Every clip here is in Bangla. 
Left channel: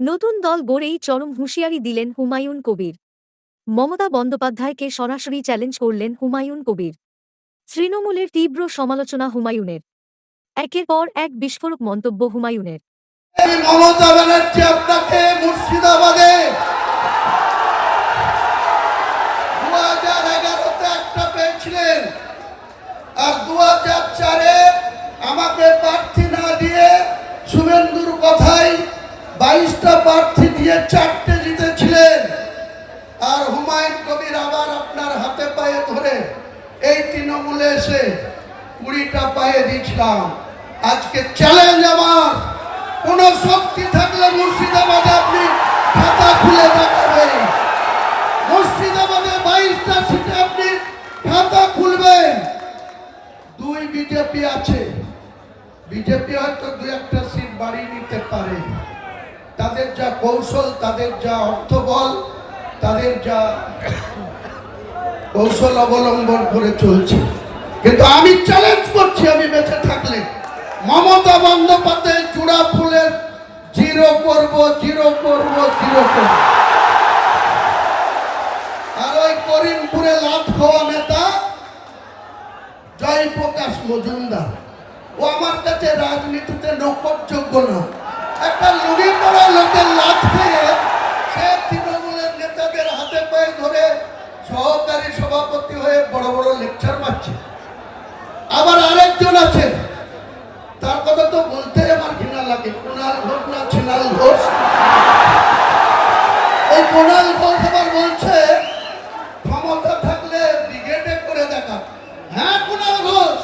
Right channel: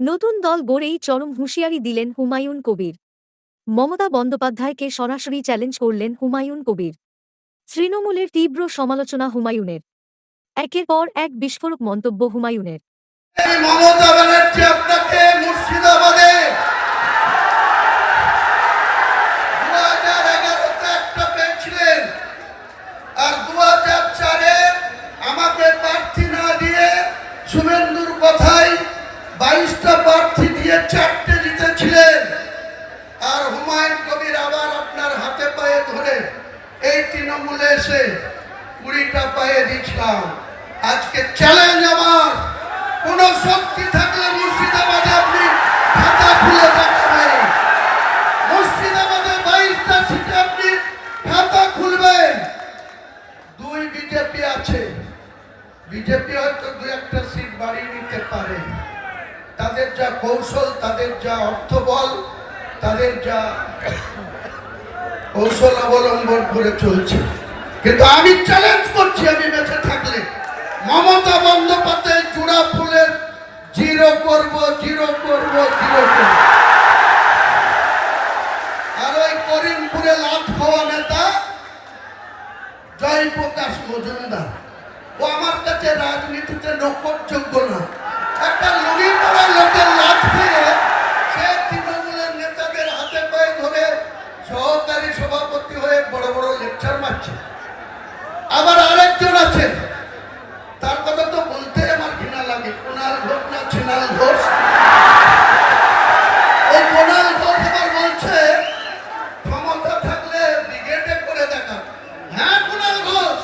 নতুন দল গড়েই চরম হুঁশিয়ারি দিলেন হুমায়ুন কবির। মমতা বন্দ্যোপাধ্যায়কে সরাসরি চ্যালেঞ্জ করলেন হুমায়ুন কবির। তৃণমূলের তীব্র সমালোচনা হুমায়ুনের। একের পর এক বিস্ফোরক মন্তব্য হুমায়ুনের। মমতা ব্যানার্জি আপনাকে মুর্শিদাবাদে 2011-তে একটা পেয়েছিলেন, আর 2004-এ আমাকে প্রার্থী না দিয়ে শুভেন্দুর কথায় 22টা প্রার্থী দিয়ে 4টে জিতেছিলেন। আর হুমায়ুন কবির আবার আপনার হাতে পায়ে ধরে এই তৃণমূলে এসে 20টা পায়ে দিয়েছিলাম। আজকে চ্যালেঞ্জ আমার, কোন শক্তি থাকলে মুর্শিদাবাদে আপনি খাতা খুলে দেখাবেন। মুর্শিদাবাদে 22টা সিটে আপনি খাতা খুলবেন। 2 বিজেপি আছে, বিজেপি হয়তো 2-1টা সিট বাড়িয়ে নিতে পারে। তাদের যা কৌশল, তাদের যা অর্থবল, তাদের যা কৌশল অবলম্বন করে চলছে। কিন্তু আমি চ্যালেঞ্জ করছি, আমি বেঁচে থাকলে মমতা বন্দ্যোপাধ্যায় চূড়া ফুলের 0 করব, 0 করব, 0 করব। আর ওই করিমপুরে লাট খাওয়া নেতা জয়প্রকাশ মজুমদার, ও আমার কাছে রাজনীতিতে নকরযোগ্য না। একটা লুঙ্গি পরা লোকের লাট খেয়ে সে তৃণমূলের নেতাদের হাতে পায়ে ধরে সহকারী সভাপতি হয়ে বড় বড় লেকচার মারছে। আবার আরেকজন আছে, তার কথা তো বলতে আমার ঘৃণা লাগে, কুণাল ঘোষ না ছিনাল ঘোষ। এই কুণাল ঘোষ আবার বলছে ক্ষমতা থাকলে ব্রিগেডে করে দেখা। হ্যাঁ কুণাল ঘোষ,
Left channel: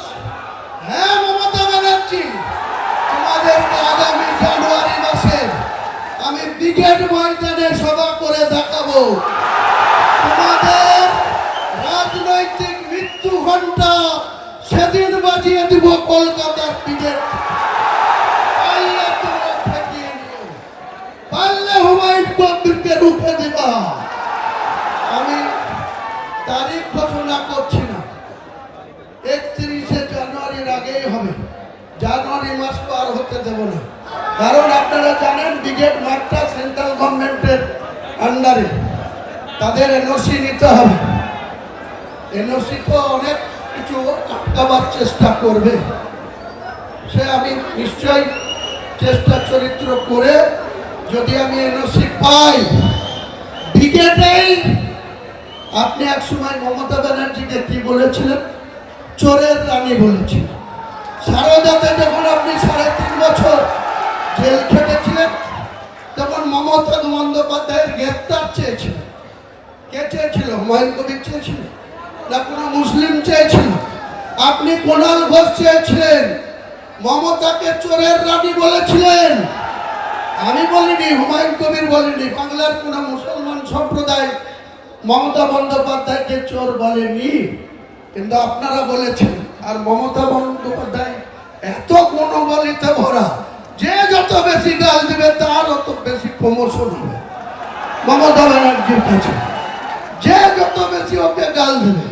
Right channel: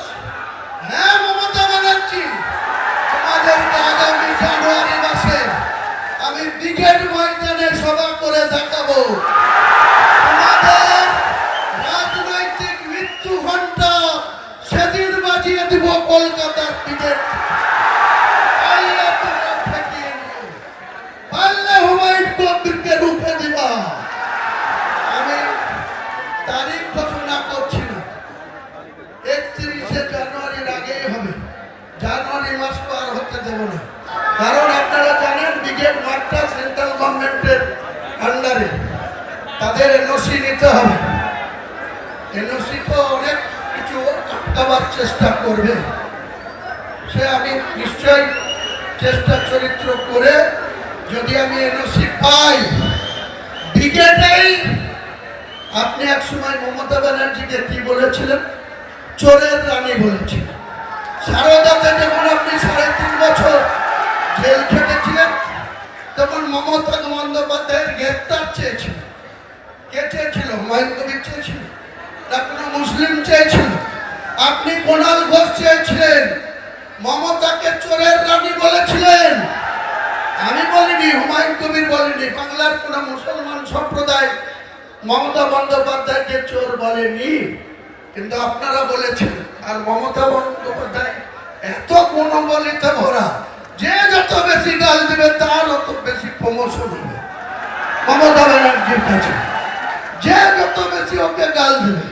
হ্যাঁ মমতা ব্যানার্জি, তোমাদেরকে আগামী জানুয়ারি মাসে আমি ব্রিগেড ময়দানে সভা করে দেখাবো। তোমাদের রাজনৈতিক মৃত্যু ঘণ্টা সেদিন বাজিয়ে দিব কলকাতার ব্রিগেড। পারলে হুমায়ুন কবিরকে রুখে দিবা। আমি তারিখ ঘোষণা করছি না, 31শে জানুয়ারির আগেই হবে। জানুয়ারি মাস পার হতে দেব না, কারণ আপনারা জানেন ব্রিগেড মাঠটা সেন্ট্রাল গভর্নমেন্টের আন্ডারে, তাদের এনওসি নিতে হবে। এনওসি তো অনেক কিছু আটকাবার চেষ্টা করবে, সে আমি নিশ্চয়ই চেষ্টা চরিত্র করে যদি আমি এনওসি পাই ব্রিগেডেই। আপনি এক সময় মমতা ব্যানার্জিকে কি বলেছিলেন? চোরের রানী বলেছিলেন। সারদাতে যখন আপনি 3.5 বছর জেল খেটেছিলেন, তখন মমতা বন্দ্যোপাধ্যায়ের গ্রেপ্তার চেয়েছিল। কে চেয়েছিল? হুমায়ুন কবির চেয়েছিল না কোনো মুসলিম চেয়েছিল? আপনি কুণাল ঘোষ চেয়েছিলেন, মমতাকে চোরের রানী বলেছিলেন। আমি বলিনি, হুমায়ুন কবির বলেনি, বাংলার কোন মুসলমান সম্প্রদায় মমতা বন্দ্যোপাধ্যায়কে চোর বলেনি, কিন্তু আপনারা বলেছেন। আর মমতা বন্দ্যোপাধ্যায় এত গুণবলিতে ভরা, যে যত বেশি গাল দেবে তার অত বেশি প্রমোশন হবে মমতা ব্যানার্জির কাছে। যে যত বেশি ওকে গাল দেবে